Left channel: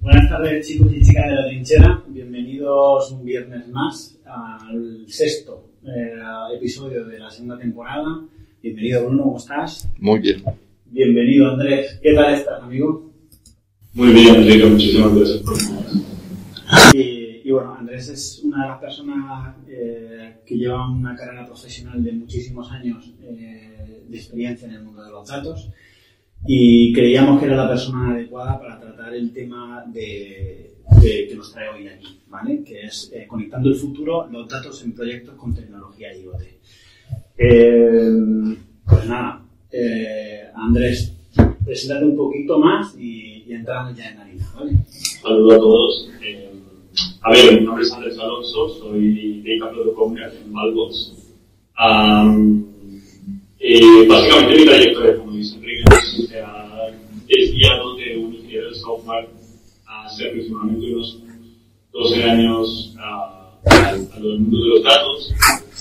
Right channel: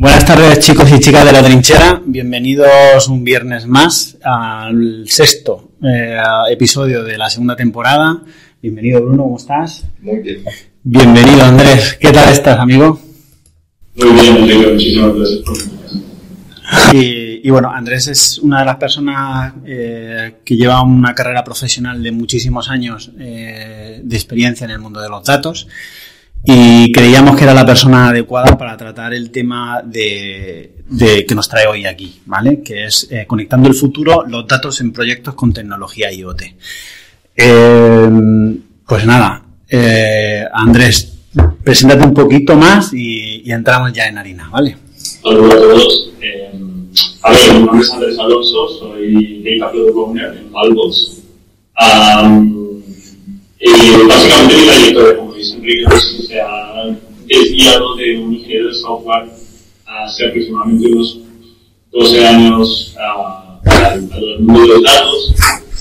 Buenas tardes, chicos y chicas de la trinchera. Bienvenidos un viernes más al sexto episodio de la segunda temporada. Bienvenido, Bruno, ¿cómo estás? Muy bien. Bienvenido, Andrés. ¿Qué tal estás, amigo? Muy bien, muchísimas gracias por venir. Y bueno, Andrés es una de las personas que lleva una carrera profesional de muchísimos años de experiencia en el mundo de los datos. Y creíamos que era la persona adecuada para tratar el tema de que nos trae hoy aquí, ¿vale? Que es conectando el futuro, los datos en proyectos con tecnología IoT. Pues nada, Andrés, preséntate un poquito más y entramos ya en harina, ¿vale? Hola a todos. Mi nombre es Andrés Alonso, soy Data Product Owner en Malbox. Básicamente mi trayectoria, como dice Enrique, se ha desviado de un ingeniero de software hace aproximadamente unos 12 años al mundo de los datos,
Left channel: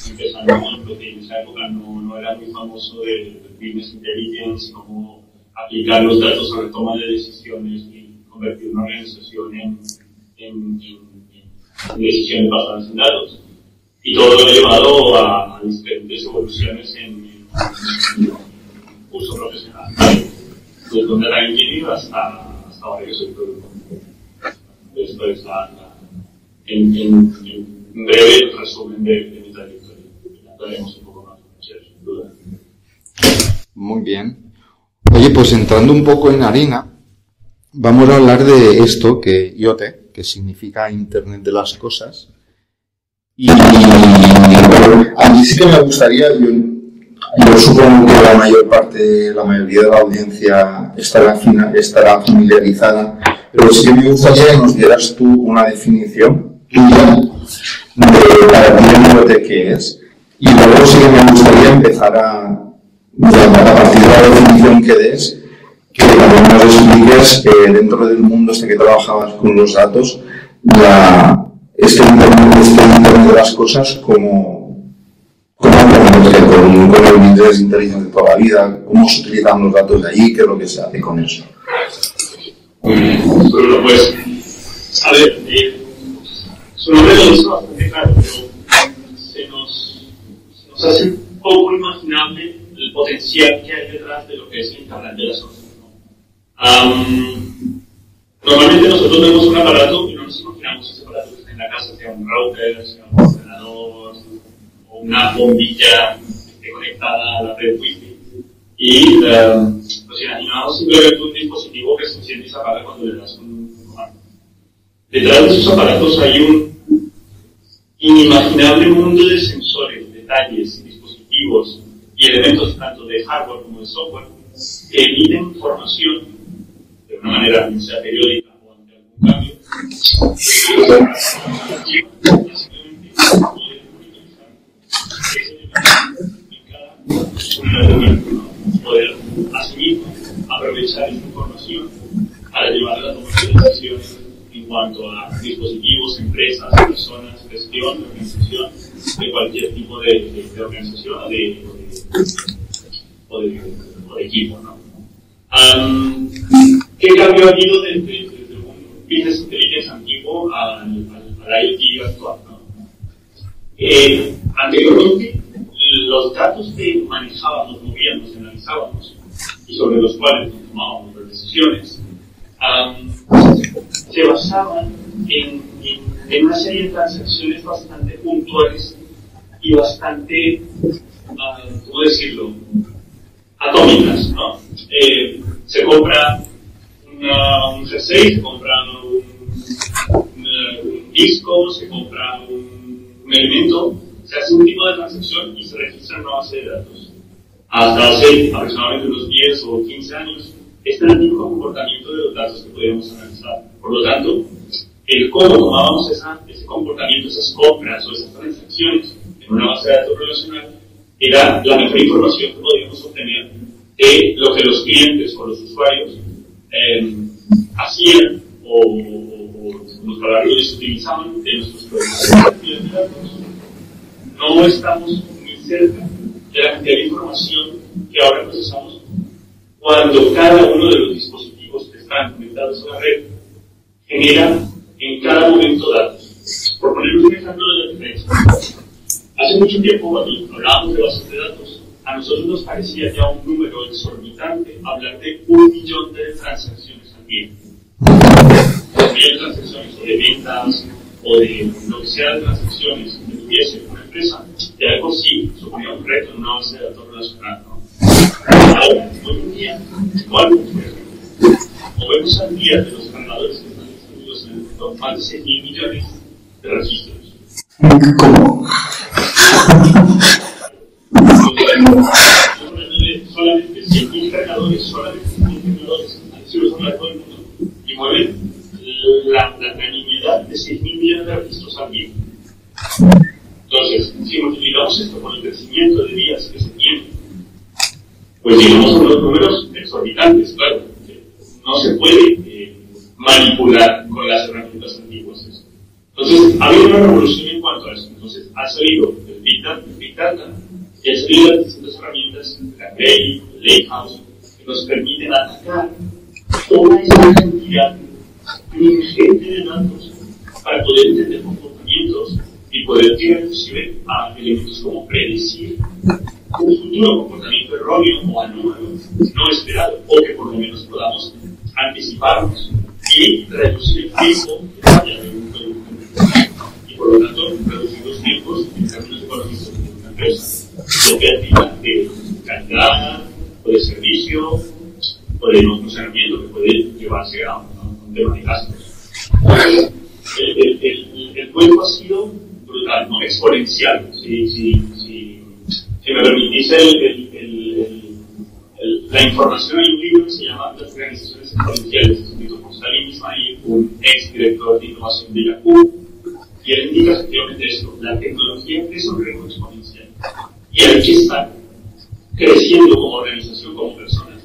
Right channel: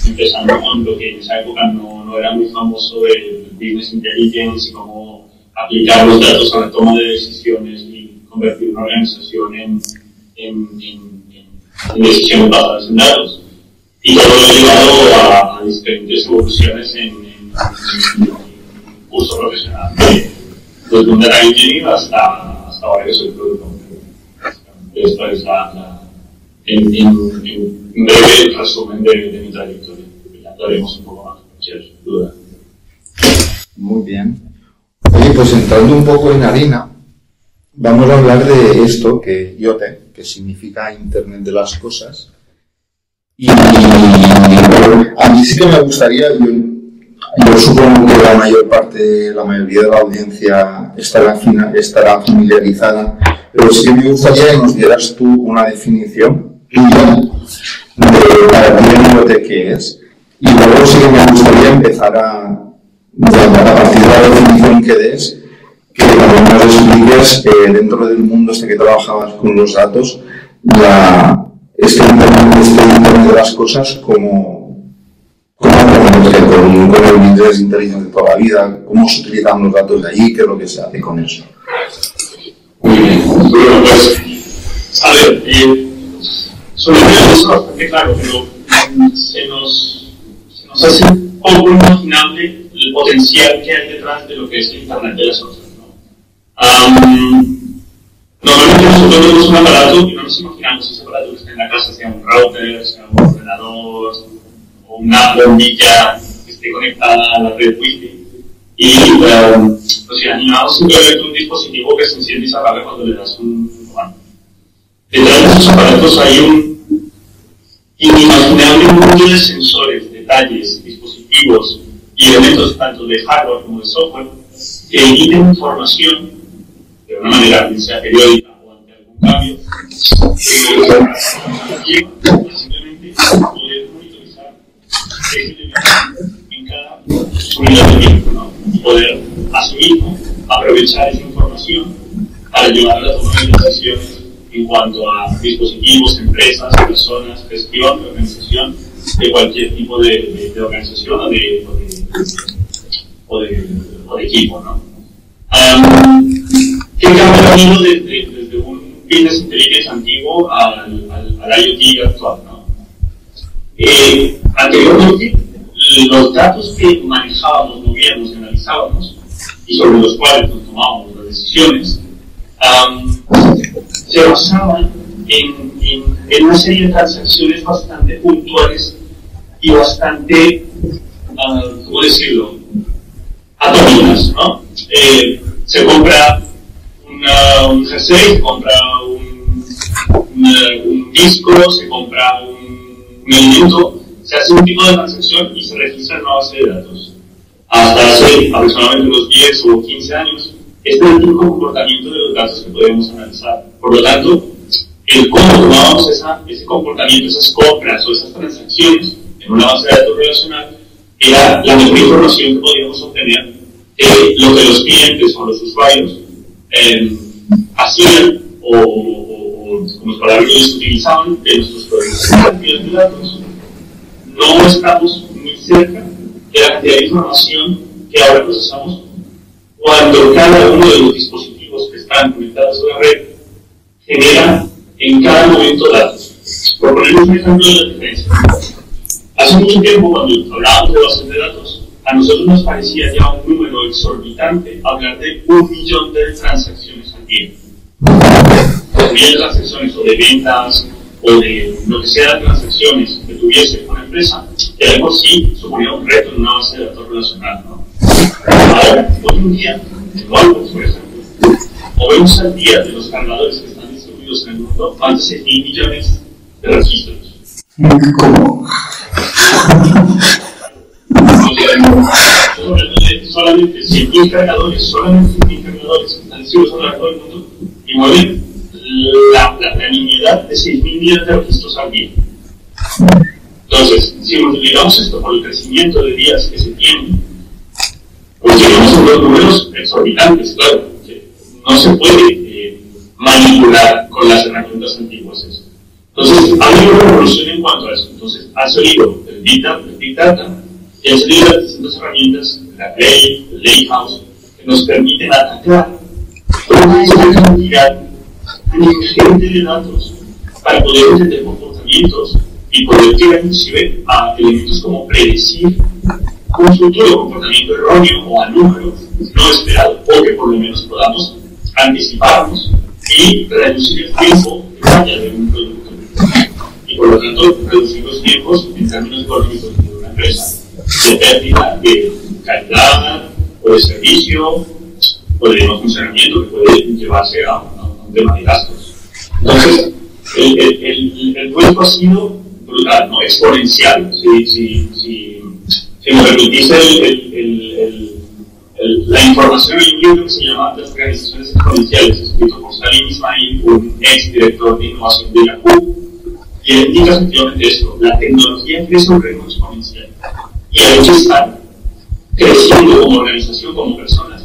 empezando con lo que en esa época no era muy famoso del Business Intelligence y cómo aplicar los datos a la toma de decisiones y convertir una organización en decisiones basadas en datos. Y todo lo ha llevado a diferentes evoluciones en curso profesional, desde un data engineer hasta ahora que soy productor. Esto es en breve resumen de mi trayectoria. Ya hablaremos un poco más, sin duda. Muy bien. Oye, pues entrando un poco en harina, vamos a hablar de esto, que IoT, que significa Internet de las Cosas. Y a mí sí que me gustaría, yo supongo que la mayoría de la audiencia estará familiarizada, pero sí que me gustaría que nos dieras tú una definición tuya de para ti el IoT qué es. Y luego sí que me gustaría empezar a partir de la definición que des, que también nos expliques dentro del mundo que trabajabas con los datos, este Internet de las Cosas, como con el Business Intelligence de toda la vida, cómo se utilizan los datos de allí, qué es lo que se hace con eso. Bueno, pues, a ver, sobre todo eso bastante claro, pero se nos hace un poco inimaginable el potencial que hay detrás de lo que es el Internet de las Cosas, ¿no? Normalmente nosotros vemos un aparato y no nos imaginamos ese aparato que está en la casa, sea un router, sea un ordenador o una bombilla que esté conectada a la red Wi-Fi. Y nos imaginamos simplemente un dispositivo que se enciende y se apaga cuando le das un comando. Detrás de esos aparatos hay un inimaginable mundo de sensores, detalles, dispositivos y elementos tanto de hardware como de software que emiten información de una manera que sea periódica o ante algún cambio, que simplemente poder monitorizar ese elemento en cada unidad de tiempo, ¿no? Y poder asumir, aprovechar esa información para llevar a la toma de decisiones en cuanto a dispositivos, empresas, personas, gestión, organización de cualquier tipo de organización o de equipo, ¿no? ¿Qué cambio ha habido desde un Business Intelligence antiguo al IoT actual, ¿no? Anteriormente, los datos que manejábamos, movíamos, analizábamos y sobre los cuales tomábamos las decisiones, se basaban en una serie de transacciones bastante puntuales y bastante, ¿cómo decirlo?, atómicas, ¿no? Se compra un jersey, se compra un disco, se compra un alimento, se hace un tipo de transacción y se registra en una base de datos. Hasta hace aproximadamente unos 10 o 15 años, este es el único comportamiento de los datos que podemos analizar. Por lo tanto, el cómo tomábamos ese comportamiento, esas compras o esas transacciones en una base de datos relacional, era la mejor información que podíamos obtener de lo que los clientes o los usuarios hacían o como palabras utilizaban de nuestros productos de datos. No estamos muy cerca de la cantidad de información que ahora procesamos cuando cada uno de los dispositivos que están conectados a la red genera en cada momento datos. Por poner un ejemplo de la diferencia. Hace mucho tiempo, cuando hablábamos de bases de datos, a nosotros nos parecía ya un número exorbitante hablar de 1 millón de transacciones al día. De transacciones o de ventas o de lo que sea de transacciones que tuviese una empresa, que de por sí suponía un reto en una base de datos relacional, ¿no? Ahora, hoy en día, igual, por ejemplo, movemos al día de los cargadores que están distribuidos en el mundo más de 6.000 millones de registros. ¿Cómo? Solamente 100.000 cargadores, solamente 100.000 cargadores que están distribuidos a todo el mundo y mueven la nimiedad de 6.000 millones de registros al día. Entonces, si multiplicamos esto por el crecimiento de días que se tienen, pues llegamos a unos números exorbitantes, claro, que no se puede manipular con las herramientas antiguas. Entonces, ha habido una revolución en cuanto a eso. Entonces, ha salido el Big Data y han salido las distintas herramientas, la Lake, el Lakehouse, que nos permiten atacar una cantidad ingente de datos para poder entender comportamientos y poder llegar inclusive a elementos como predecir un futuro comportamiento erróneo o a número no esperado, o que por lo menos podamos anticiparnos y reducir el tiempo que vaya de un producto. Y por lo tanto, reducir los tiempos en términos económicos de una empresa, de pérdida de calidad, o de servicio, o de no funcionamiento que puede llevarse a un tema de gastos. Entonces, el cuento ha sido brutal, ¿no? Exponencial. Si me permitís la información, hay un libro que se llama Las organizaciones exponenciales, escrito por Salim Ismail, un ex director de innovación de Yahoo, y él indica efectivamente esto: la tecnología crece a un ritmo exponencial y hay que estar creciendo como organización, como personas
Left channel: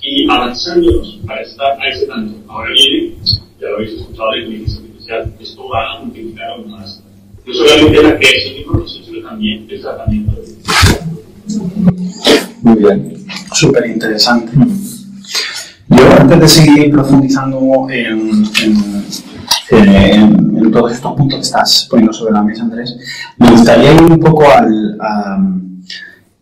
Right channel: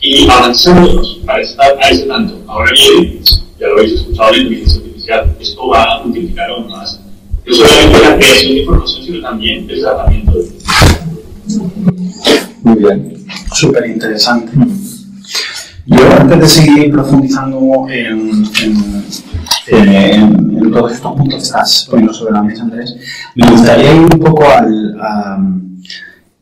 y avanzándonos para estar a ese tanto. Ahora bien, ya lo habéis escuchado, la inteligencia artificial, esto va a multiplicar aún más no solamente la creación de información, sino también el tratamiento de Muy bien. Súper interesante. Yo, antes de seguir profundizando en todos estos puntos que estás poniendo sobre la mesa, Andrés, me gustaría ir un poco a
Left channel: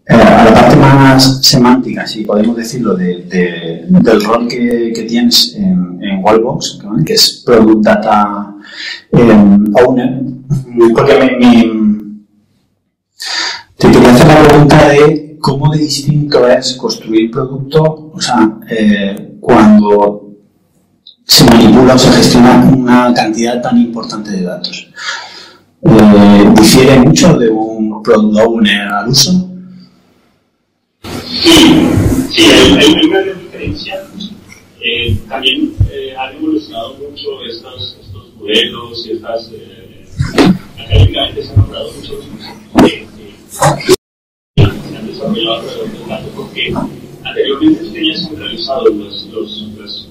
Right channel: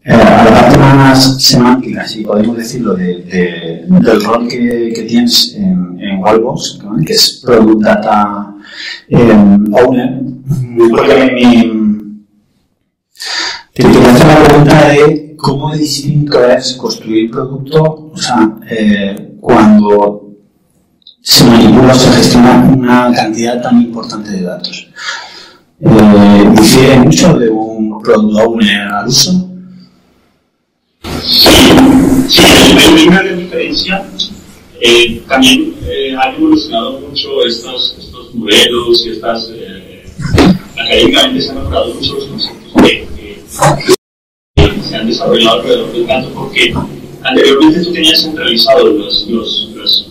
la parte más semántica, si podemos decirlo, del rol que tienes en Wallbox, que es Product Data Owner. Porque te quería hacer la pregunta de cómo de distinto es construir producto, o sea, cuando se manipula o se gestiona una cantidad tan importante de datos. ¿Difiere mucho de un Product Owner al uso? Sí, hay una gran diferencia. También han evolucionado mucho estos modelos y estas académicamente se han notado muchos conceptos que se han desarrollado alrededor del dato, porque anteriormente tú tenías centralizados los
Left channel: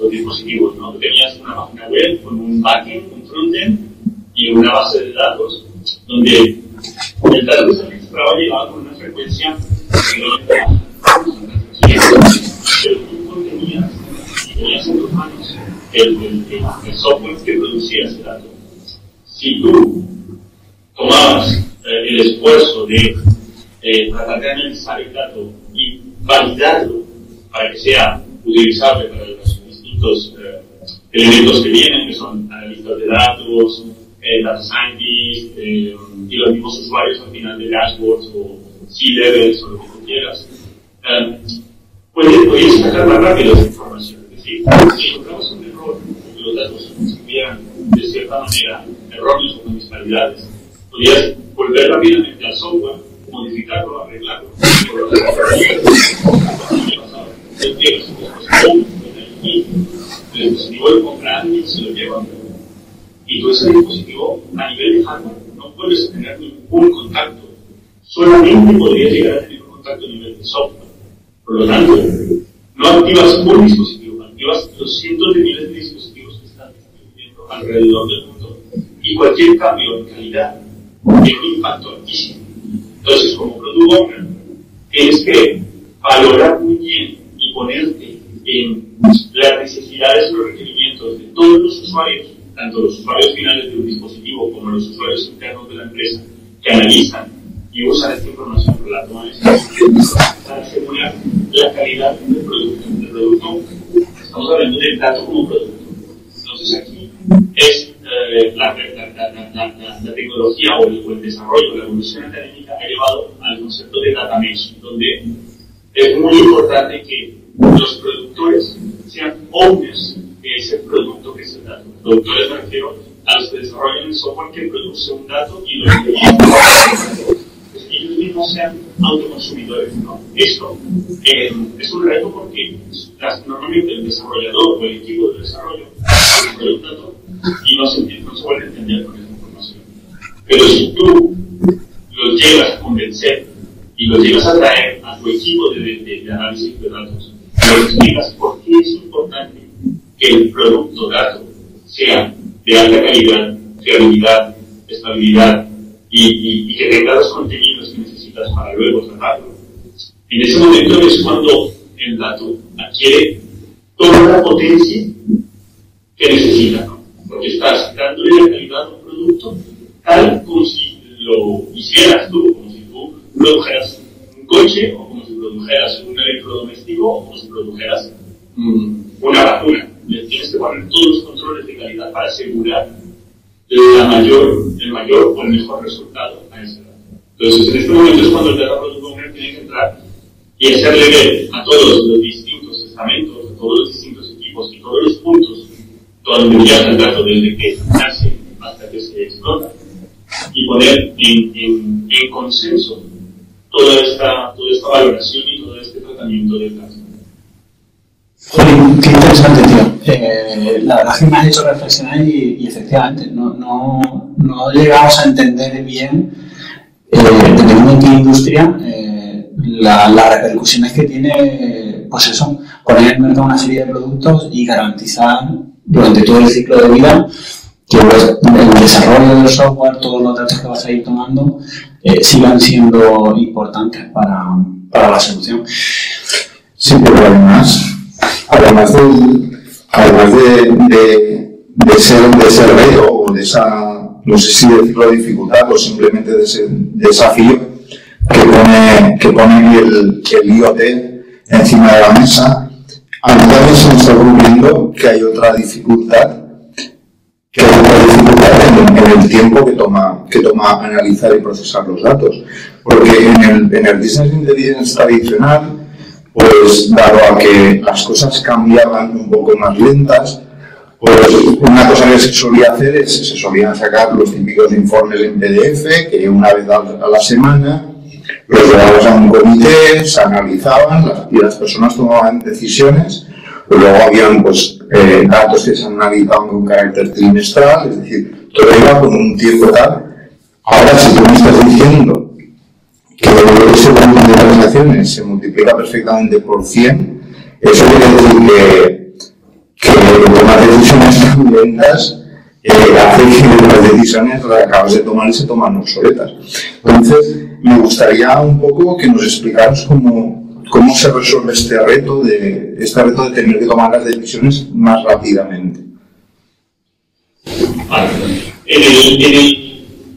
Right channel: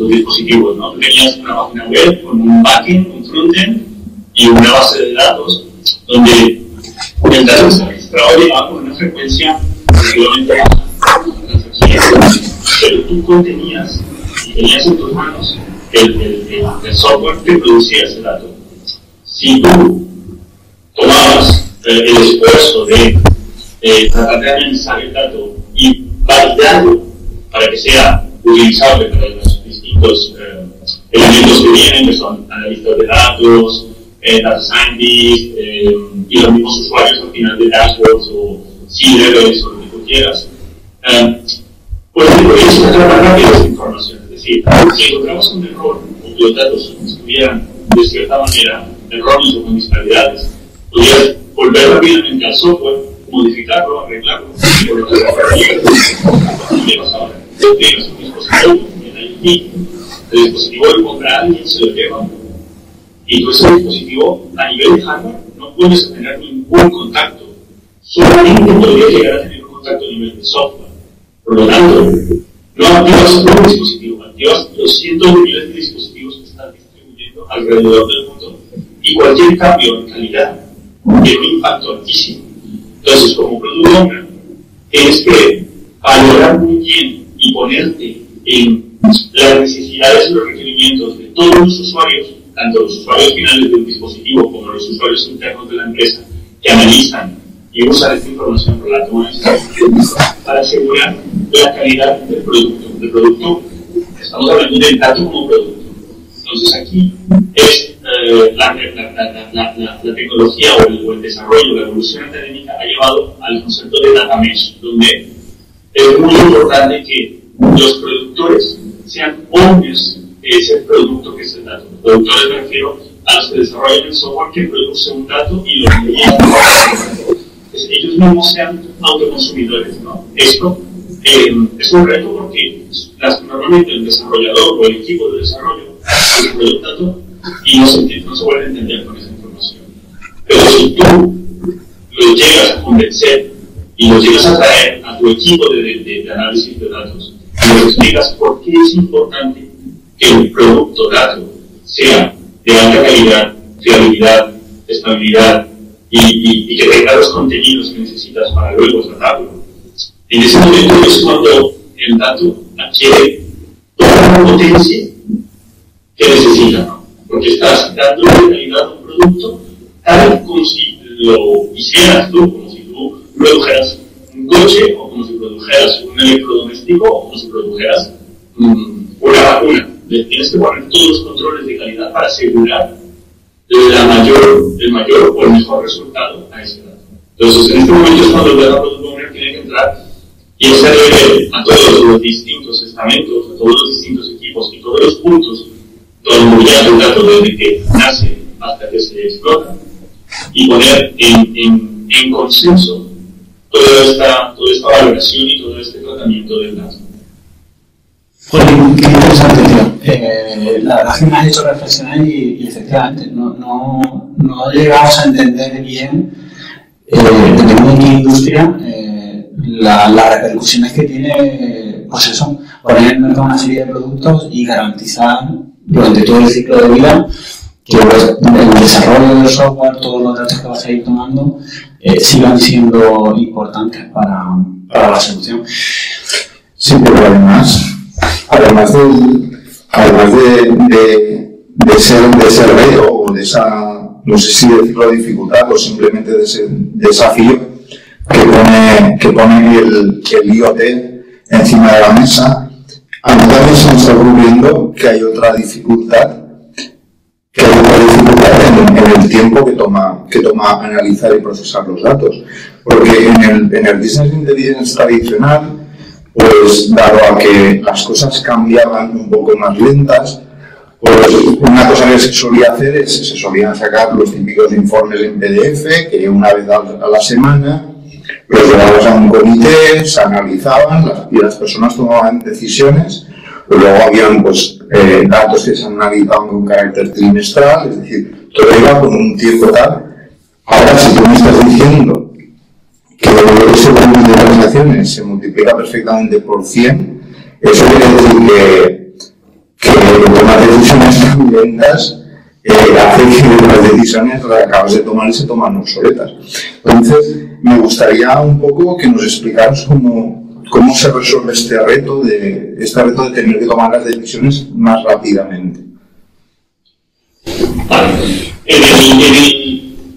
dispositivos, ¿no? Tú tenías una página web con un backend, un frontend y una base de datos donde el dato que se registraba llegaba con una frecuencia relativamente baja, pero tú contenías y tenías en tus manos el software que producía ese dato. Si tú tomabas el esfuerzo de tratar de analizar el dato y validarlo para que sea utilizable para los distintos elementos que vienen, que son analistas de datos, data scientists y los mismos usuarios al final de dashboards o C-levels o lo que tú quieras, pues podrías sacar más rápido esa información. Es decir, si encontramos un error y los datos estuvieran de cierta manera erróneos o con disparidades, podrías volver rápidamente al software, modificarlo, arreglarlo. Por lo tanto, el dispositivo lo compra alguien, se lo lleva, y tú ese dispositivo a nivel de hardware no puedes tener ningún contacto, solamente podrías llegar a tener un contacto a nivel de software. Por lo tanto, no activas un dispositivo, activas los cientos de miles de dispositivos que están distribuyendo alrededor del mundo, y cualquier cambio de calidad tiene un impacto altísimo. Entonces, como Product Owner, tienes que valorar muy bien y ponerte en las necesidades y los requerimientos conocimientos de todos los usuarios, tanto los usuarios finales del dispositivo como los usuarios internos de la empresa, que analizan y usan esta información para la toma de decisiones para asegurar la calidad del producto. Estamos hablando del dato como producto. Entonces aquí es la tecnología o el desarrollo, la evolución académica ha llevado al concepto de data mesh, donde es muy importante que los productores sean owners de ese producto que es el dato. Productores me refiero a los que desarrollan el software que produce un dato y lo que ellos mismos sean autoconsumidores, ¿no? Esto es un reto porque normalmente el desarrollador o el equipo de desarrollo desarrolla un dato y no se vuelve a entender con esa información. Pero si tú lo llegas a convencer y lo llegas a traer a tu equipo de análisis de datos, y le explicas por qué es importante que el producto dato sea de alta calidad, fiabilidad, estabilidad, y que tenga los contenidos que necesitas para luego tratarlo. En ese momento es cuando el dato adquiere toda la potencia que necesita, ¿no? Porque estás dando de calidad a un producto tal como si lo hicieras tú, como si tú produjeras un coche, o como si produjeras un electrodoméstico, o como si produjeras una vacuna. Le tienes que poner todos los controles de calidad para asegurar el mayor o el mejor resultado a ese dato. Entonces, en este momento es cuando el Data Product Owner tiene que entrar y hacerle ver a todos los distintos estamentos, a todos los distintos equipos y todos los puntos donde ya el dato desde que nace hasta que se explota y poner en consenso toda esta valoración y todo este tratamiento del dato. Qué interesante, tío. La verdad es que me has hecho reflexionar y efectivamente no llegamos a entender bien, dependiendo de qué industria, las repercusiones que tiene, pues eso, poner en el mercado una serie de productos y garantizar durante todo el ciclo de vida que el desarrollo del software, todos los datos que vas a ir tomando, sigan siendo importantes para la solución. Sí, pero además de ese reto o de esa, no sé si decirlo dificultad o simplemente de ese desafío que pone el IoT encima de la mesa, a mí también se me está ocurriendo que hay otra dificultad en el tiempo que toma analizar y procesar los datos, porque en el business intelligence tradicional, pues dado a que las cosas cambiaban un poco más lentas, pues una cosa que se solía hacer es se solían sacar los típicos informes en PDF que una vez a la semana los llevabas a un comité, se analizaban y las personas tomaban decisiones. Luego habían pues, datos que se analizaban con carácter trimestral, es decir, todo iba con un tiempo tal. Ahora, si tú me estás diciendo que ese volumen de transacciones se multiplica perfectamente por 100, eso quiere decir que tomar decisiones tan lentas hace que las decisiones las acabas de tomar y se toman obsoletas. Entonces, me gustaría un poco que nos explicaras cómo se resuelve este reto de tener que tomar las decisiones más rápidamente. En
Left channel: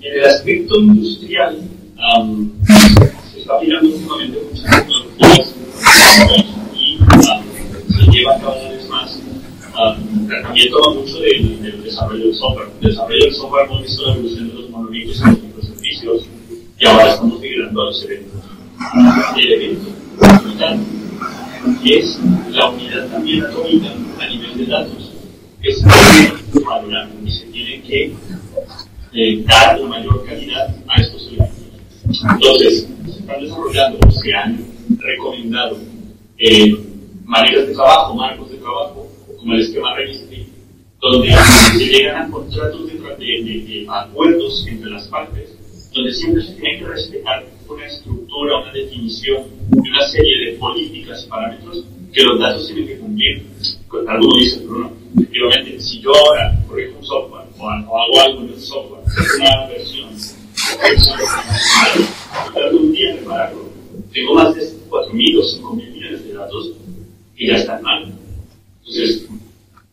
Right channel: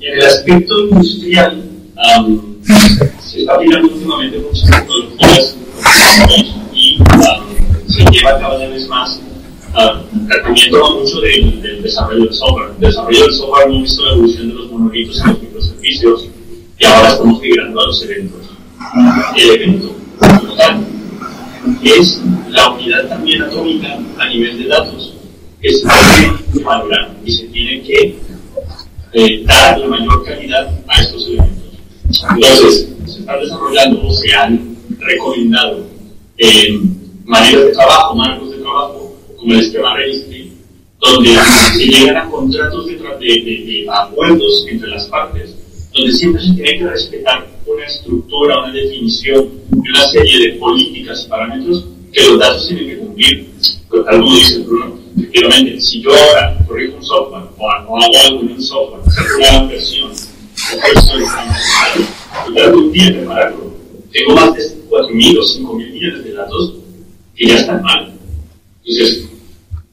el aspecto industrial, se está aplicando últimamente muchas tecnologías y se lleva cada vez más también toma mucho del desarrollo del software. El desarrollo del software hemos visto la evolución de los monolitos a los microservicios y ahora estamos migrando a los eventos. El evento es la unidad también atómica a nivel de datos que se tiene que valorar y se tiene que dar la mayor calidad a estos eventos. Entonces, se están desarrollando o se han recomendado maneras de trabajo, marcos de trabajo, como el esquema registry, donde se llegan a contratos de acuerdos entre las partes, donde siempre se tiene que respetar una estructura, una definición y una serie de políticas y parámetros que los datos tienen que cumplir. Pues, algo dice Bruno, efectivamente, si yo ahora corrijo un software o hago algo en un software, una versión, tardo un día en prepararlo. Tengo más de 4.000 o 5.000 millones de datos que ya están mal. Entonces,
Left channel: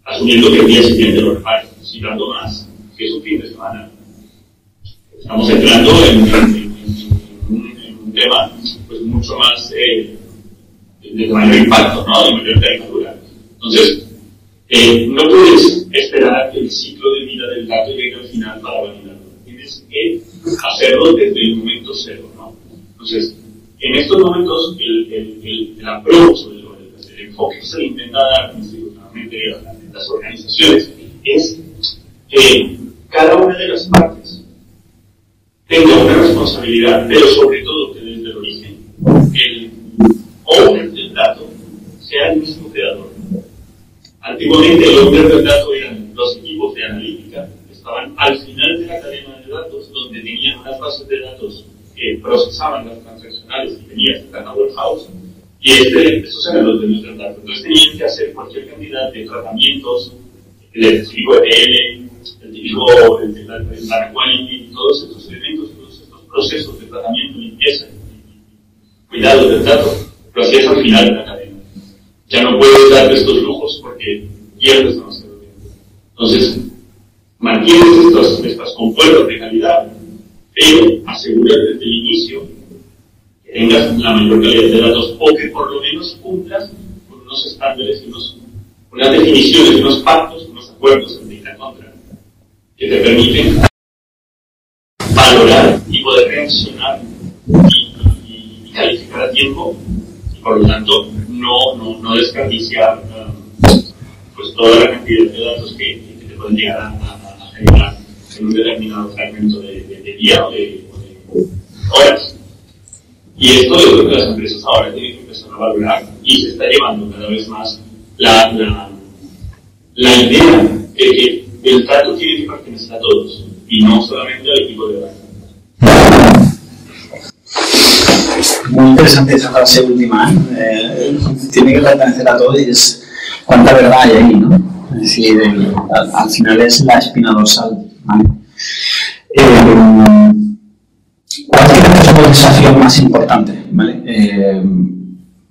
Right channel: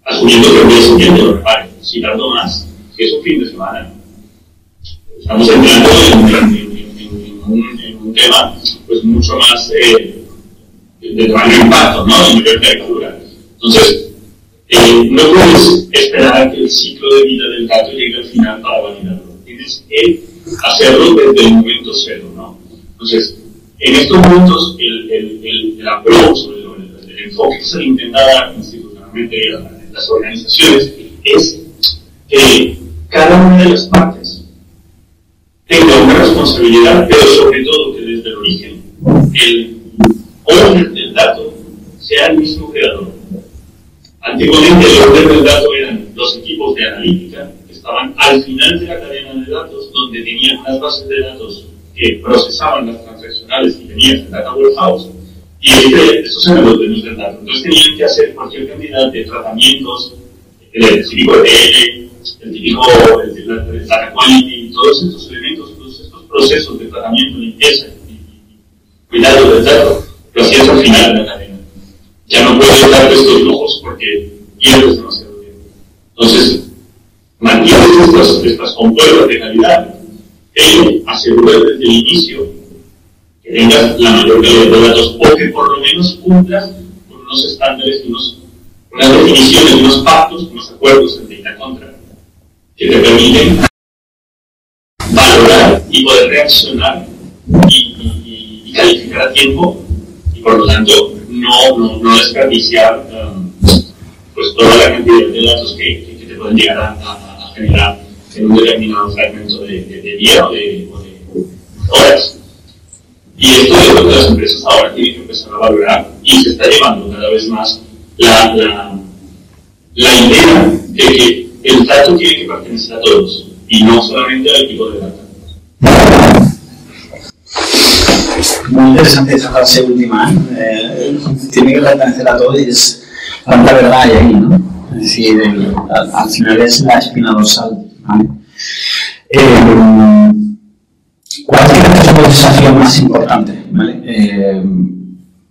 a asumiendo que el día siguiente lo repare. Si tardo más, que es un fin de semana. Estamos entrando en un tema pues mucho más de mayor impacto, ¿no? De mayor envergadura. Entonces, no puedes esperar a que el ciclo de vida del dato llegue al final para validarlo. Tienes que hacerlo desde el momento cero, ¿no? Entonces, en estos momentos, el approach, el enfoque que se le intenta dar institucionalmente a las organizaciones es que cada una de las partes tenga una responsabilidad, pero sobre todo que desde el origen el orden del dato sea el mismo creador. Antiguamente el orden del dato eran los equipos de analítica que estaban al final de la cadena de datos, donde tenían unas bases de datos que procesaban las transaccionales y tenían el data warehouse, y estos eran los dueños del dato. Entonces tenían que hacer cualquier cantidad de tratamientos, el típico ETL, el típico data quality, todos estos elementos, todos estos procesos de tratamiento, limpieza y cuidado del dato, lo hacías al final de la cadena. Ya no puedes darte estos lujos porque pierdes demasiado tiempo. Entonces, mantienes estas compuertas de calidad, pero aseguras desde el inicio que tengas la mayor calidad de datos o que por lo menos cumplas con unos estándares, unas definiciones, unos pactos, unos acuerdos en la contra que te permiten valorar y poder reaccionar y calificar a tiempo y por lo tanto no desperdiciar pues toda la cantidad de datos que te pueden llegar a generar en un determinado fragmento de día o de horas. Y esto es lo que las empresas ahora tienen que empezar a valorar y se está llevando cada vez más la idea de que el dato tiene que pertenecer a todos y no solamente al equipo de datos. Muy interesante esa frase última, tiene que pertenecer a todos y es cuánta verdad hay ahí, ¿no? Es decir, al final es la espina dorsal, ¿vale? ¿Cuáles crees que son los desafíos más importantes, ¿vale?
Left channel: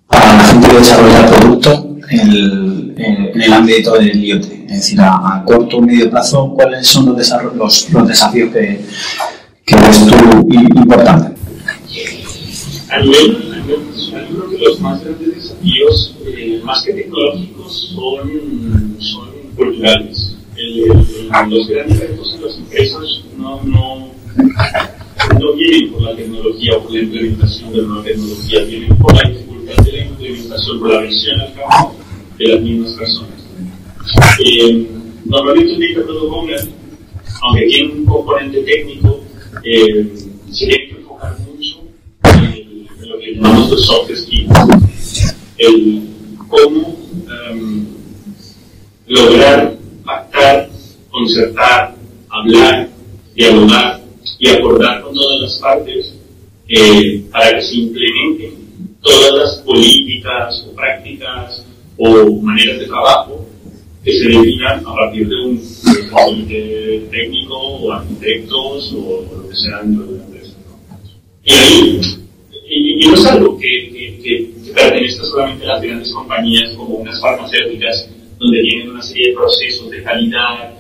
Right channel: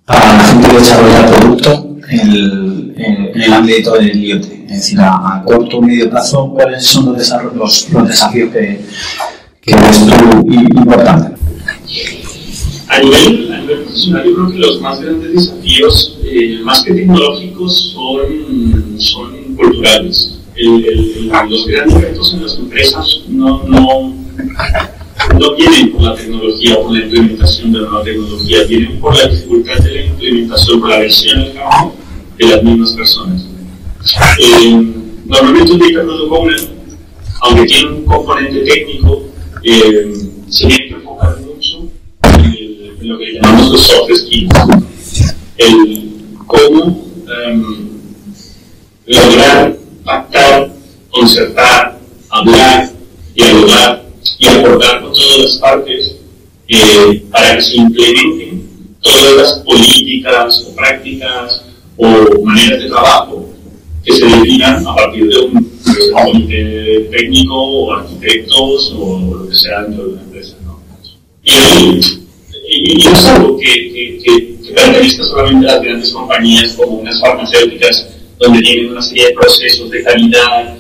Para la gente que desarrolla productos en el ámbito del IoT? Es decir, a corto o medio plazo, ¿cuáles son los desafíos que ves tú importantes? A nivel profesional, yo creo que los más grandes desafíos, más que tecnológicos, son culturales. Los grandes retos en las empresas no vienen por la tecnología o por la implementación de la nueva tecnología, vienen por la dificultad de la implementación, por la versión al campo de las mismas personas. Normalmente un data product owner, aunque tiene un componente técnico, se tiene que enfocar mucho en lo que llamamos los soft skills, el cómo lograr pactar, concertar, hablar, dialogar y acordar con todas las partes para que se implementen todas las políticas o prácticas o maneras de trabajo que se definan a partir de un comité técnico o arquitectos o lo que sea dentro de una empresa, ¿no? Y no es algo que pertenezca solamente a las grandes compañías como unas farmacéuticas donde tienen una serie de procesos de calidad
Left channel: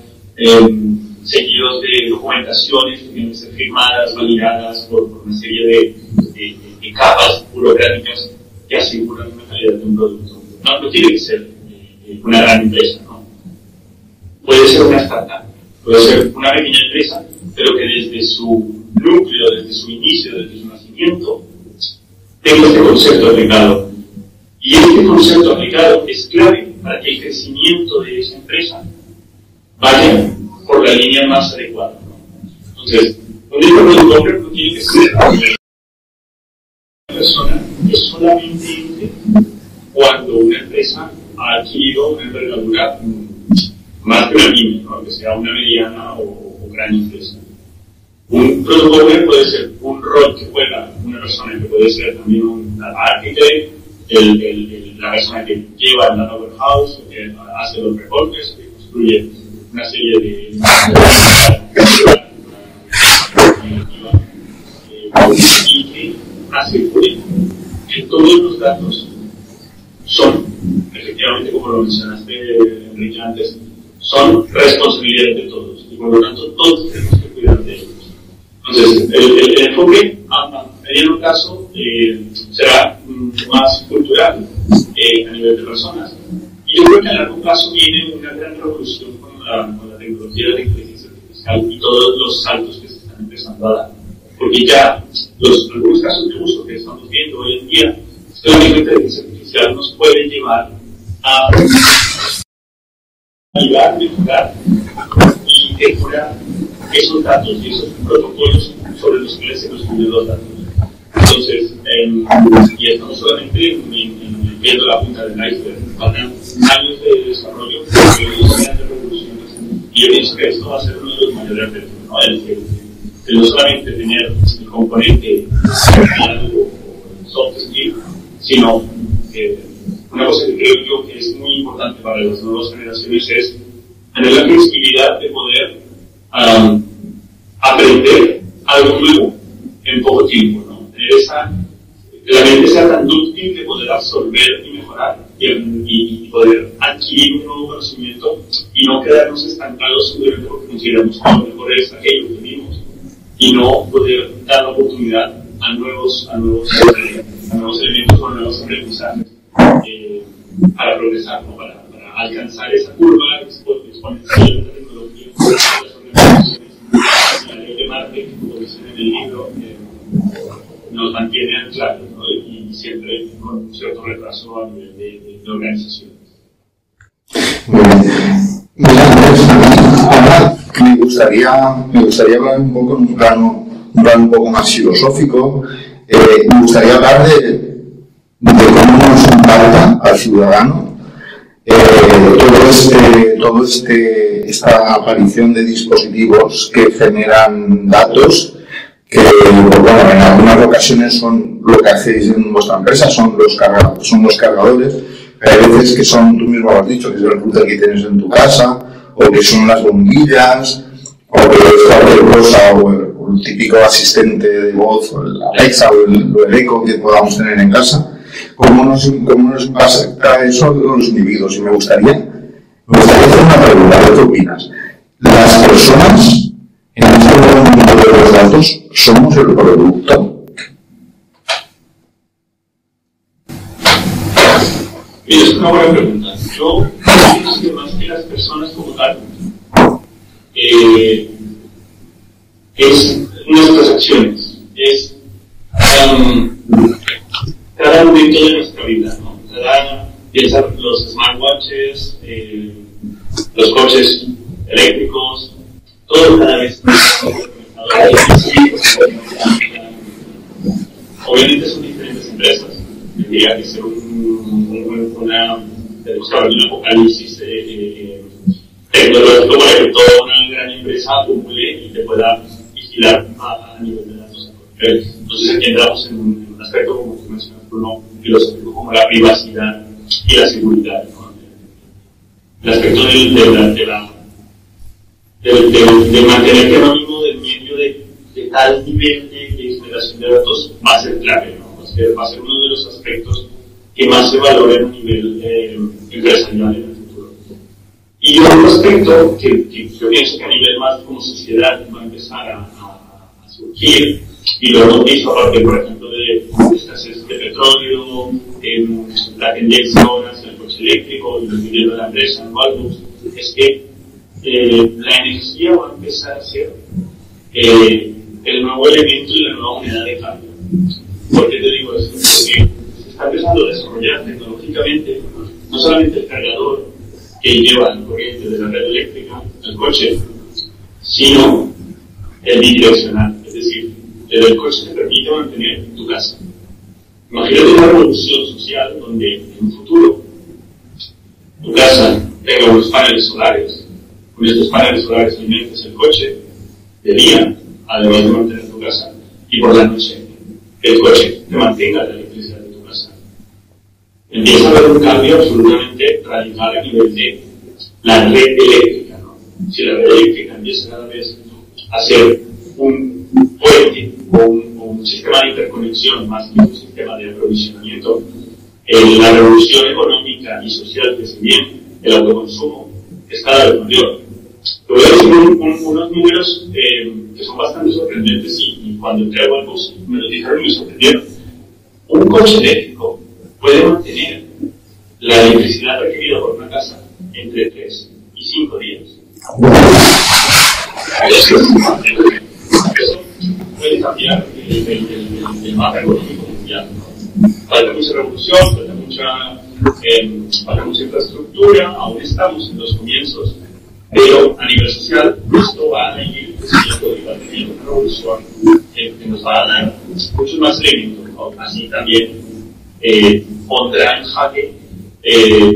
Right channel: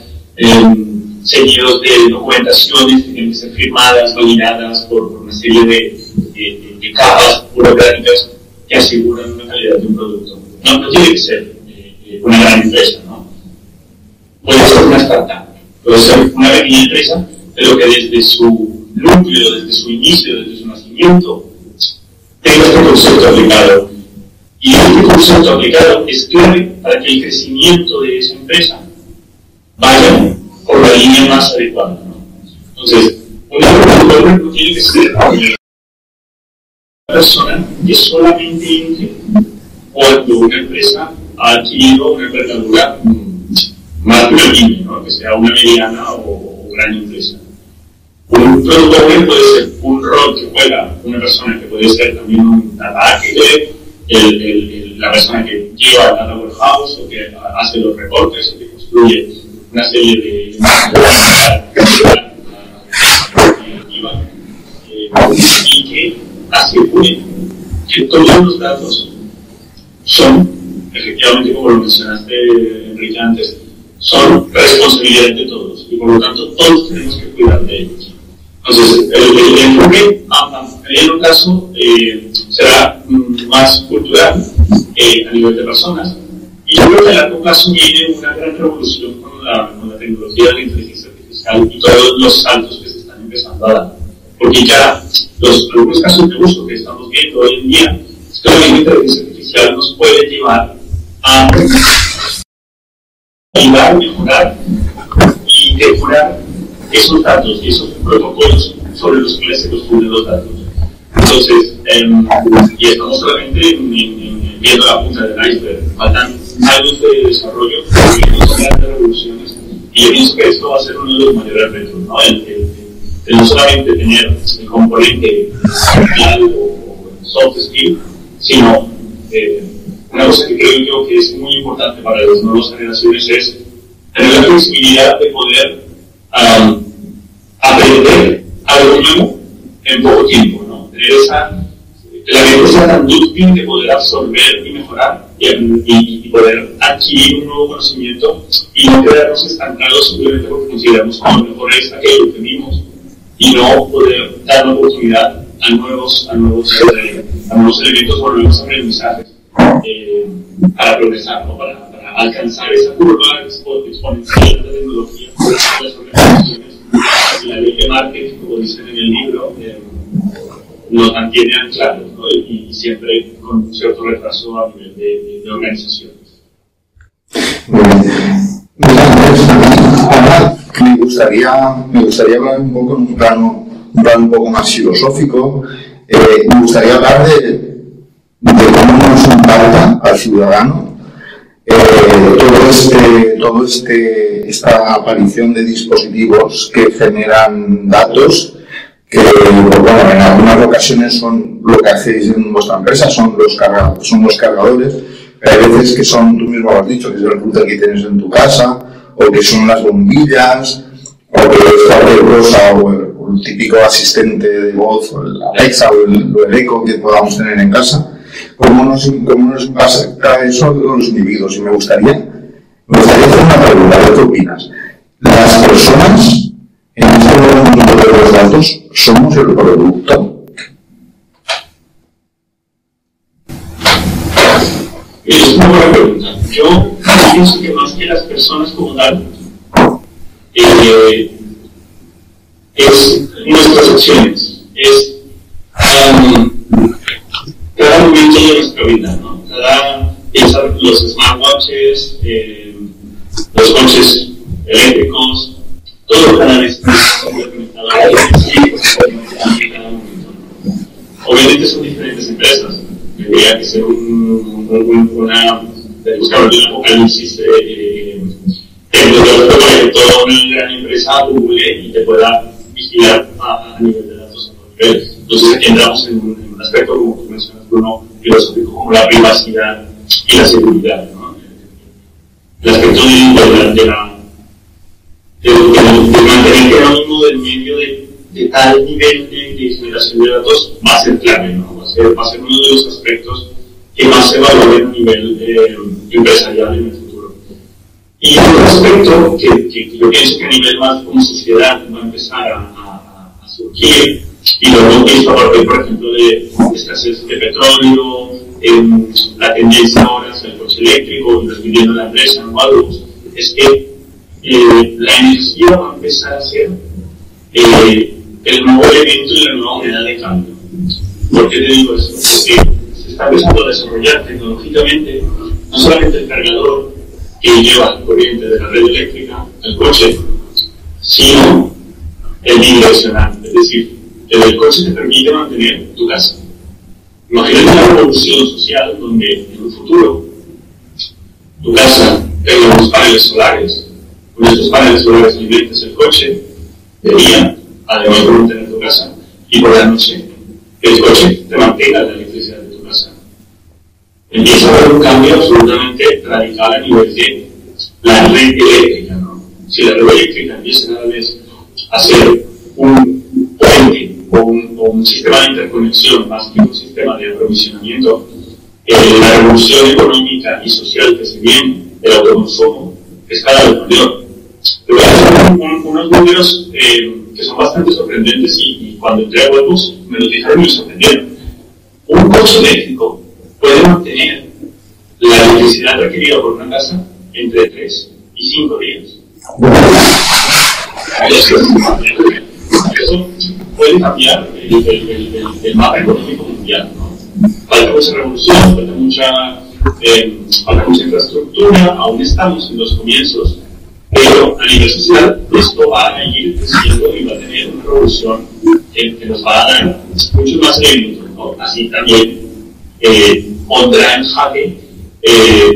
seguidos de documentaciones que tienen que ser firmadas, validadas por una serie de capas burocráticas que aseguran una calidad de un producto. No tiene que ser una gran empresa, ¿no? Puede ser una startup, puede ser una pequeña empresa, pero que desde su núcleo, desde su inicio, desde su nacimiento, tenga este concepto aplicado. Y este concepto aplicado es clave para que el crecimiento de esa empresa vaya por la línea más adecuada, ¿no? Entonces, un productor no tiene que ser una persona que solamente entre cuando una empresa ha adquirido una envergadura más que una pyme, ¿no? Que sea una mediana o gran empresa. Un productor puede ser un rol que juega una persona que puede ser también un data architect, la persona que lleva el data warehouse o que hace los reportes o que construye una serie de y que asegure que todos los datos son, efectivamente, como lo mencionaste, Enrique, antes, son responsabilidad de todos y por lo tanto todos tenemos que cuidar de ellos. Entonces, el enfoque a mediano plazo será más cultural a nivel de personas. Y yo creo que a largo plazo viene una gran revolución con la tecnología de la inteligencia artificial y todos los saltos que se están empezando a dar. Porque ya algunos casos de uso que estamos viendo hoy en día es que la inteligencia artificial nos puede llevar a ayudar, mejorar y depurar esos datos y esos protocolos sobre los que se construyen los datos. Entonces, y estamos solamente viendo la punta del iceberg, faltan años de desarrollo, grandes revoluciones, y yo pienso que esto va a ser uno de los mayores retos, ¿no? El no solamente tener el componente social o soft skill, sino una cosa que creo yo que es muy importante para las nuevas generaciones es tener la flexibilidad de poder aprender algo nuevo en poco tiempo, ¿no? Tener la mente sea tan dúctil de poder absorber y mejorar y poder adquirir un nuevo conocimiento y no quedarnos estancados simplemente porque consideramos que lo mejor es aquello que vimos y no poder dar una oportunidad a nuevos elementos o nuevos aprendizajes para progresar, ¿no? Para alcanzar esa curva exponencial de la tecnología, las organizaciones. La ley de marketing, como dicen en el libro, nos mantiene anclados, ¿no? Y siempre con un cierto retraso a nivel de organizaciones. Ahora me gustaría hablar un poco en un plano un poco más filosófico. Me gustaría hablar de cómo nos impacta al ciudadano esta aparición de dispositivos que generan datos que, bueno, en algunas ocasiones son lo que hacéis en vuestra empresa, son los cargadores, pero hay veces que son, tú mismo lo has dicho, que es el router que tienes en tu casa, o que son las bombillas, o que es cualquier cosa, o el típico asistente de voz, o el Alexa, o el Echo que podamos tener en casa. ¿Cómo nos impacta eso a los individuos? Y me gustaría hacer una pregunta, ¿qué opinas? ¿Las personas en este mundo de los datos somos el producto? Es una buena pregunta. Yo pienso que más que las personas como tal, es nuestras acciones, es cada momento de nuestra vida, ¿no? Piensa los smartwatches, los coches eléctricos, todo cada vez más obviamente son diferentes empresas. Tendría que ser buscar un apocalipsis tecnológico para que toda una gran empresa Google y te pueda vigilar a nivel de datos. Entonces aquí entramos en un aspecto, como tú mencionas, Bruno, filosófico, como la privacidad y la seguridad, ¿no? El aspecto de mantener que anónimo del medio de tal nivel de generación de datos va a ser clave, ¿no? Va a ser uno de los aspectos que más se valoren a nivel empresarial en el futuro. Y otro aspecto que yo pienso que a nivel más como sociedad va a empezar a surgir, y lo hemos visto a partir, por ejemplo, de escasez de petróleo, la tendencia ahora hacia el coche eléctrico, y lo viviendo la empresa, ¿no? Es que la energía va a empezar a ser el nuevo elemento y la nueva moneda de cambio. ¿Por qué te digo eso? Porque se está empezando a desarrollar tecnológicamente no solamente el cargador que lleva la corriente de la red eléctrica al coche, sino el bidireccional, es decir, el coche te permite mantener tu casa. Imagínate una revolución social donde en un futuro tu casa tenga unos paneles solares. Con estos paneles solares alimentes el coche de día, además de mantener tu casa, y por la noche el coche te mantenga la electricidad de tu casa. Empieza a haber un cambio absolutamente radical a nivel de la red eléctrica, ¿no? Si la red eléctrica empieza cada vez a ser un puente o un sistema de interconexión más que un sistema de aprovisionamiento, la revolución económica y social que se viene del autoconsumo es cada vez mayor. Te voy a decir unos números que son bastante sorprendentes y cuando entré a Webus me los dijeron y me sorprendieron. Un coche eléctrico puede mantener la electricidad requerida por una casa entre 3 y 5 días. Eso puede cambiar el mapa económico mundial, ¿no? Falta mucha revolución, falta mucha infraestructura, aún estamos en los comienzos, pero a nivel social esto va a ir creciendo y va a tener una revolución que nos va a dar muchos más elementos, ¿no? Así también pondrá en jaque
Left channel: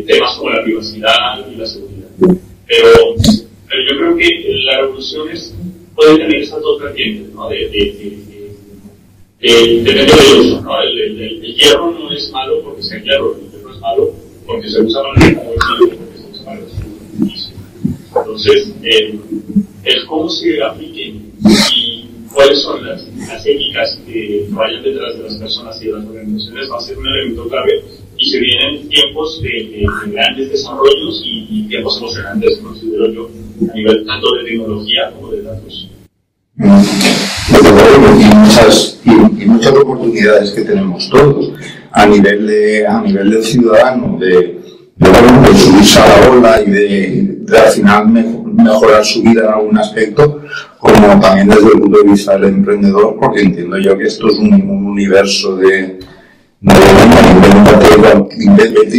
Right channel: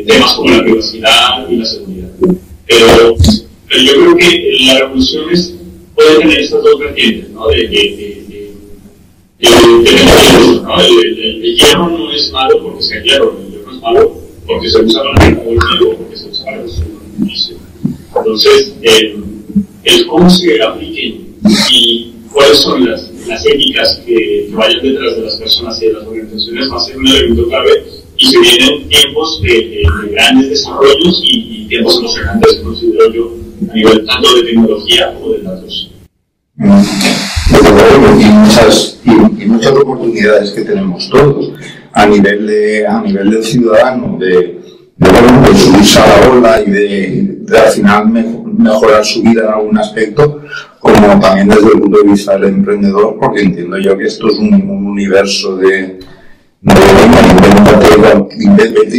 temas como la privacidad y la seguridad. Pero yo creo que las revoluciones pueden tener estas dos vertientes, ¿no? ¿no? El hierro no es malo porque sea hierro, el hierro es malo porque se usa para el o porque se usa para el servicio. Entonces, el cómo se apliquen y cuáles son las éticas que vayan detrás de las personas y de las organizaciones va a ser un elemento clave, y se vienen tiempos de grandes desarrollos y tiempos emocionantes, considero yo, a nivel tanto de tecnología como de datos. Y muchas oportunidades que tenemos todos a nivel del ciudadano de subirse a la ola y de al final mejorar su vida en algún aspecto, como también desde el punto de vista del emprendedor, porque entiendo yo que esto es un universo de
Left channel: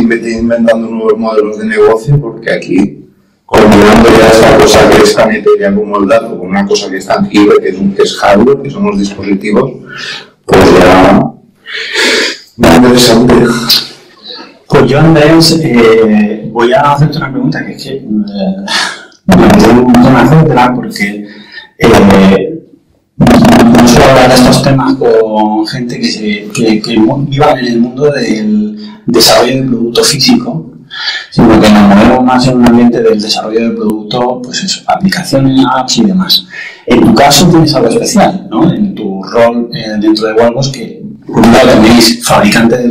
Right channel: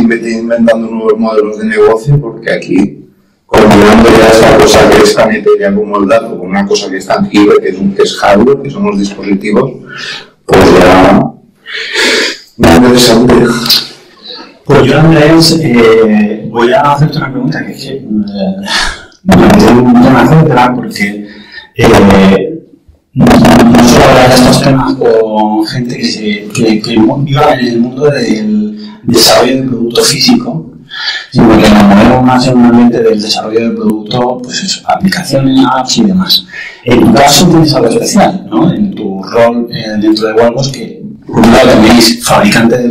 vete inventando nuevos modelos de negocio, porque aquí, combinando ya esta cosa que es tan etérea como el dato con una cosa que es tangible, que es hardware, que son los dispositivos, pues ya muy interesante. Pues yo, Andrés, voy a hacerte una pregunta que es que me tengo un montón de hacértela porque no suelo hablar de estos temas con gente que viva en el mundo del desarrollo del producto físico, sino que nos movemos más en un ambiente del desarrollo del producto, pues eso, aplicaciones, apps y demás. En tu caso tienes algo especial, ¿no? En tu rol dentro de Wallbox, que por un lado tenéis fabricante de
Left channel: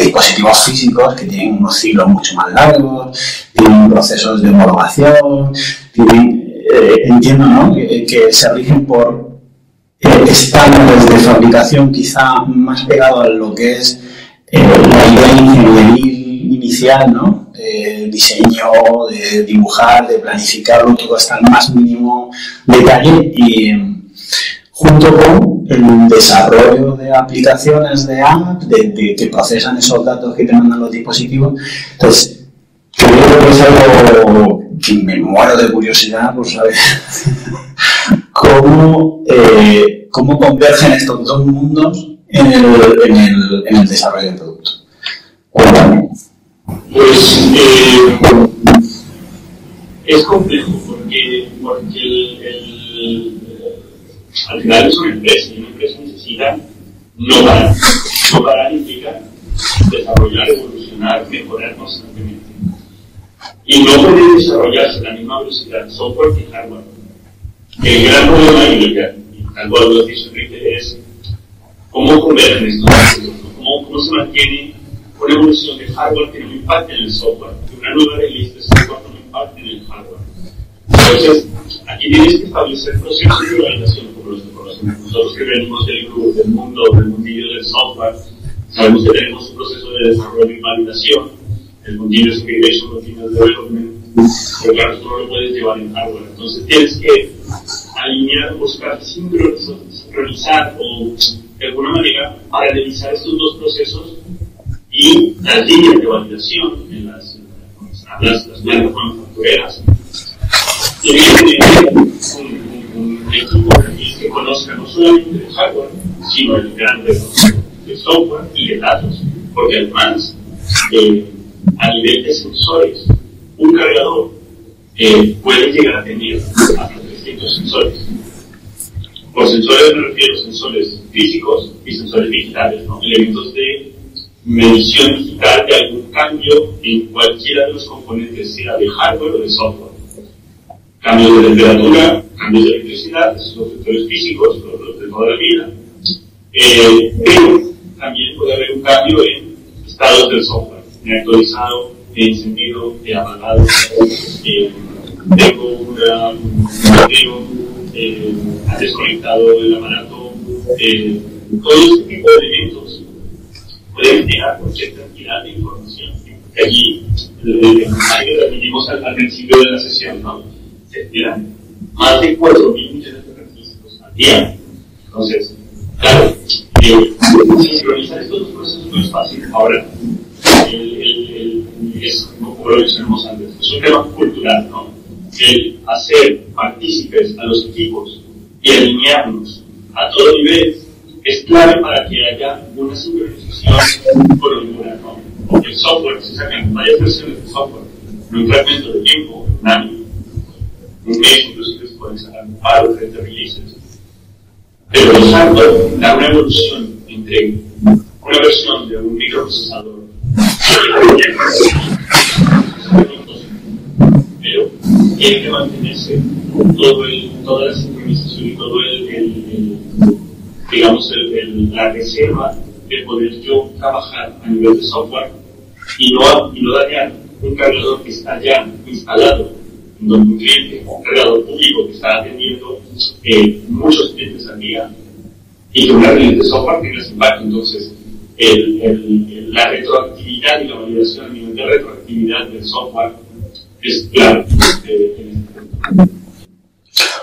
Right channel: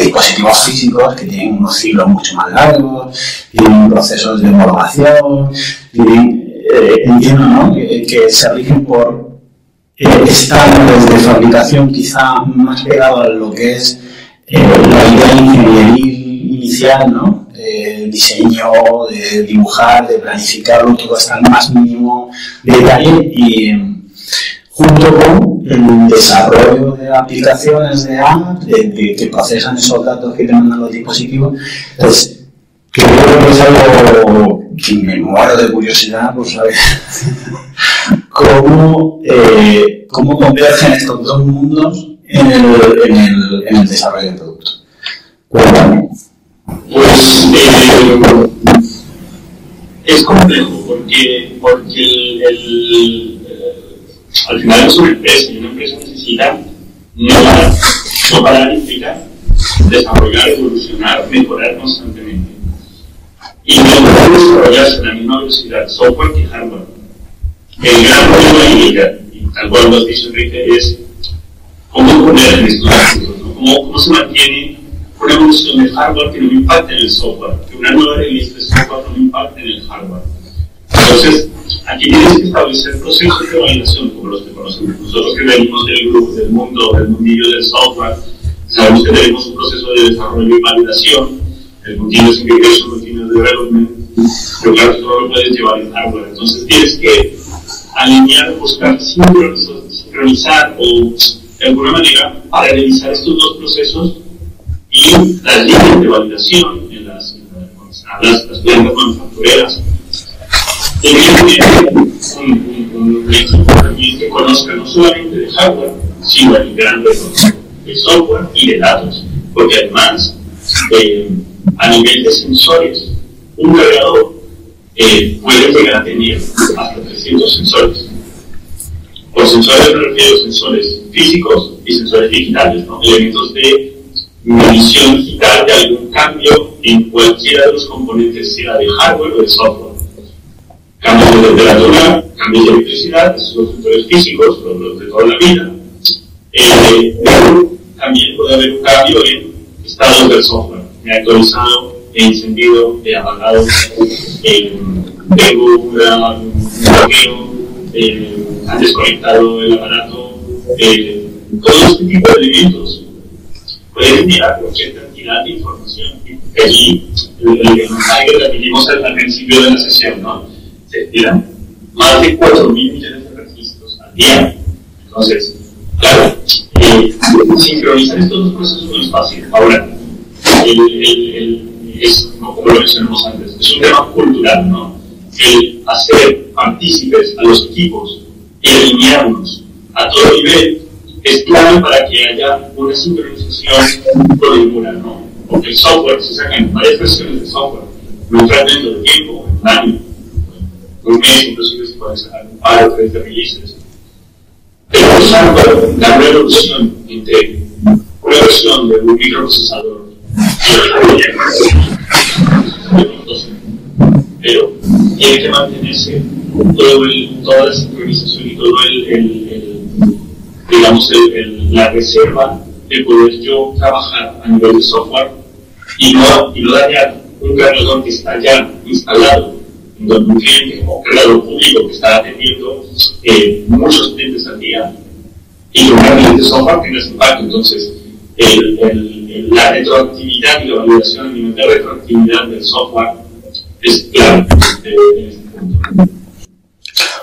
dispositivos físicos que tienen unos ciclos mucho más largos, tienen procesos de homologación, entiendo, ¿no? Que se rigen por estándares de fabricación quizá más pegados a lo que es la idea ingenieril inicial, ¿no? Diseño, de dibujar, de planificarlo, todo hasta el más mínimo detalle, y junto con el desarrollo de aplicaciones de apps que procesan esos datos que te mandan los dispositivos. Entonces, creo que es algo que me muero de curiosidad por saber cómo convergen estos dos mundos en el desarrollo del producto. Cuéntame. Pues es complejo porque al final es una empresa y una empresa necesita no parar implica desarrollar, evolucionar, mejorar constantemente. Y no puede desarrollarse a la misma velocidad software que hardware. El gran problema y tal cual lo has dicho, Enrique, es cómo poner estos procesos, cómo se mantiene una evolución de hardware que no impacte en el software, que una nueva release de software no impacte en el hardware. Entonces, aquí tienes que establecer procesos de validación como los que conocemos. Nosotros que venimos del grupo, del mundillo del software, sabemos que tenemos un proceso de desarrollo y validación, el continuous integration, continuous development, pero claro, tú no lo puedes llevar en hardware. Entonces tienes que alinear, buscar sincronizar o de alguna manera paralelizar estos dos procesos y las líneas de validación en las plantas manufactureras. Un equipo que conozca no solamente de hardware, sino el gran conocimiento de software y de datos, porque además a nivel de sensores, un cargador puede llegar a tener hasta 300 sensores. Por sensores me refiero a sensores físicos y sensores digitales, ¿no? Elementos de medición digital de algún cambio en cualquiera de los componentes, sea de hardware o de software. Cambios de temperatura, cambios de electricidad, esos son sensores físicos, los de toda la vida. Pero también puede haber un cambio en estados del software. He actualizado encendido, apagado, tengo un bloqueo, han desconectado el aparato, todo este tipo de elementos pueden enviar cualquier cantidad de información. Allí, que admitimos al principio de la sesión, ¿no? Se tiran más de 4.000 millones de registros al día. Entonces, claro, sincronizar estos dos procesos no es fácil. Ahora, es, como lo mencionamos antes, es un tema cultural, ¿no? El hacer partícipes a los equipos y alinearnos a todo nivel es clave para que haya una sincronización coordinada, ¿no? El software, se sacan varias versiones de software, no un fragmento de tiempo, un año, un mes, inclusive se pueden sacar un par o 3 de releases. Pero el software da una evolución entre una versión de un microprocesador pero tiene que mantenerse toda la sincronización y todo digamos, la reserva de poder yo trabajar a nivel de software y no dañar un cargador que está ya instalado en un cliente o un cargador público que está atendiendo muchos clientes al día y que un cargador de software tenga ese impacto. Entonces, la retroactividad y la validación a nivel de retroactividad del software es clave en este punto.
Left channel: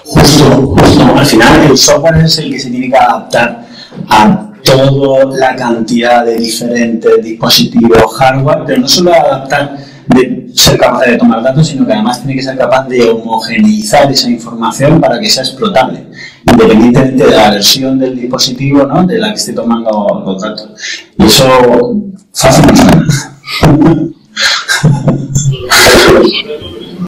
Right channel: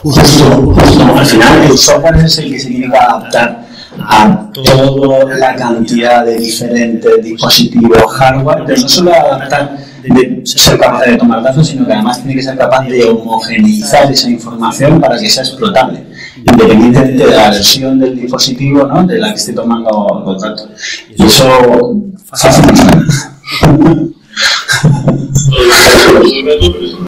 Justo, al final el software es el que se tiene que adaptar a toda la cantidad de diferentes dispositivos hardware, pero no solo adaptar de ser capaz de tomar datos, sino que además tiene que ser capaz de homogeneizar esa información para que sea explotable, independientemente de la versión del dispositivo, ¿no?, de la que esté tomando los datos. Y eso fácil no suena.